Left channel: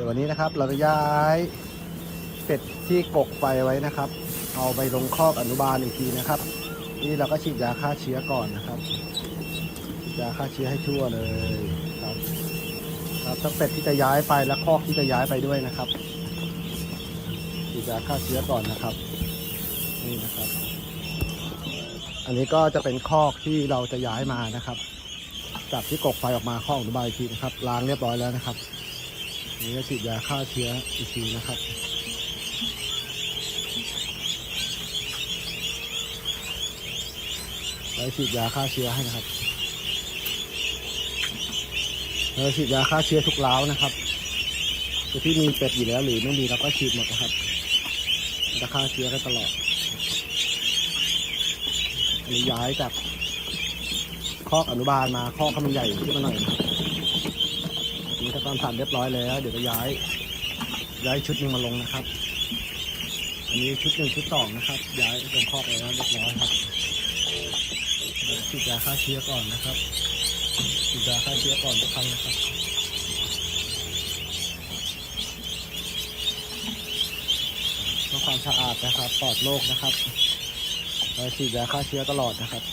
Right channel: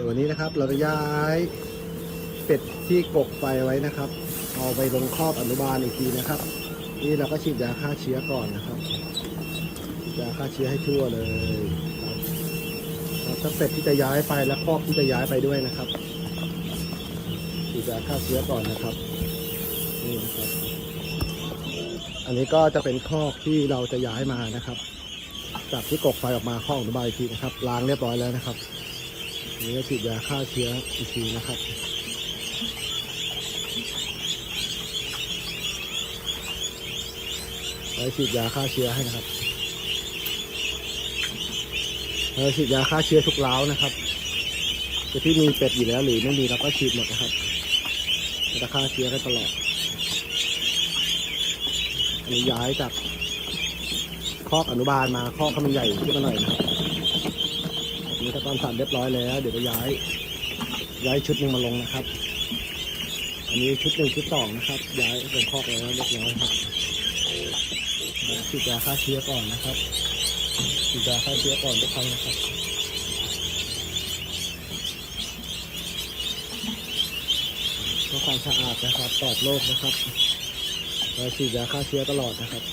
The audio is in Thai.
ดี๋ยววันนี้นะครับเราจะย้ายเป็ดที่กกไฟไว้นะครับ เอาไปลงคอกอนุบาลอีกทีนะครับ นี่เราก็ฉีดยาฆ่าเชื้อก่อนนะครับยาฆ่าเชื้อให้ทั่วเลยครับครับถ้าเป็ดที่จะย้ายไปและคอกที่จะย้ายไปด้วยนะครับฉีดยาฆ่าเชื้อก่อนนะครับนี่นะครับ อันนี้ก็จะเป็นคอกที่เราจะย้ายมานะครับ จากที่กกไฟออกมาคอกอนุบาลอีกทีนะครับล้างเรียบร้อยแล้วนะครับ นี้ก็ฉีดยาฆ่าเชื้ออีกทีนะครับเราฉีดยาฆ่าเชื้อให้นะครับเราฉีดยาฆ่าเชื้อทุกเล้านะครับจะที่มีเป็ดอยู่แล้วหรือไม่มีเราก็ฉีดหมดนะครับจะฆ่าเชื้อกันตลอดอันนี้ย้ายจากคอกอนุบาลมาคอกขามันใหญ่ขึ้นมาหน่อยนะครับ อันนี้ก็ตอนสั่นเรียบร้อยแล้ว เดี๋ยวจะย้าย ย้ายชุดหนึ่งมาลงนะครับ อันนี้ชุดหนึ่งชุดสองนะครับ ย้ายลงคอกแล้วเรียบร้อยครับฉีดยาฆ่าเชื้อก่อนนะครับฉีดยาฆ่าเชื้อก่อนทุกครั้งนะครับเพื่อความสะอาดนะครับปลอดโรคนะครับเราฉีดยาฆ่าเชื้อตลอดนะครับ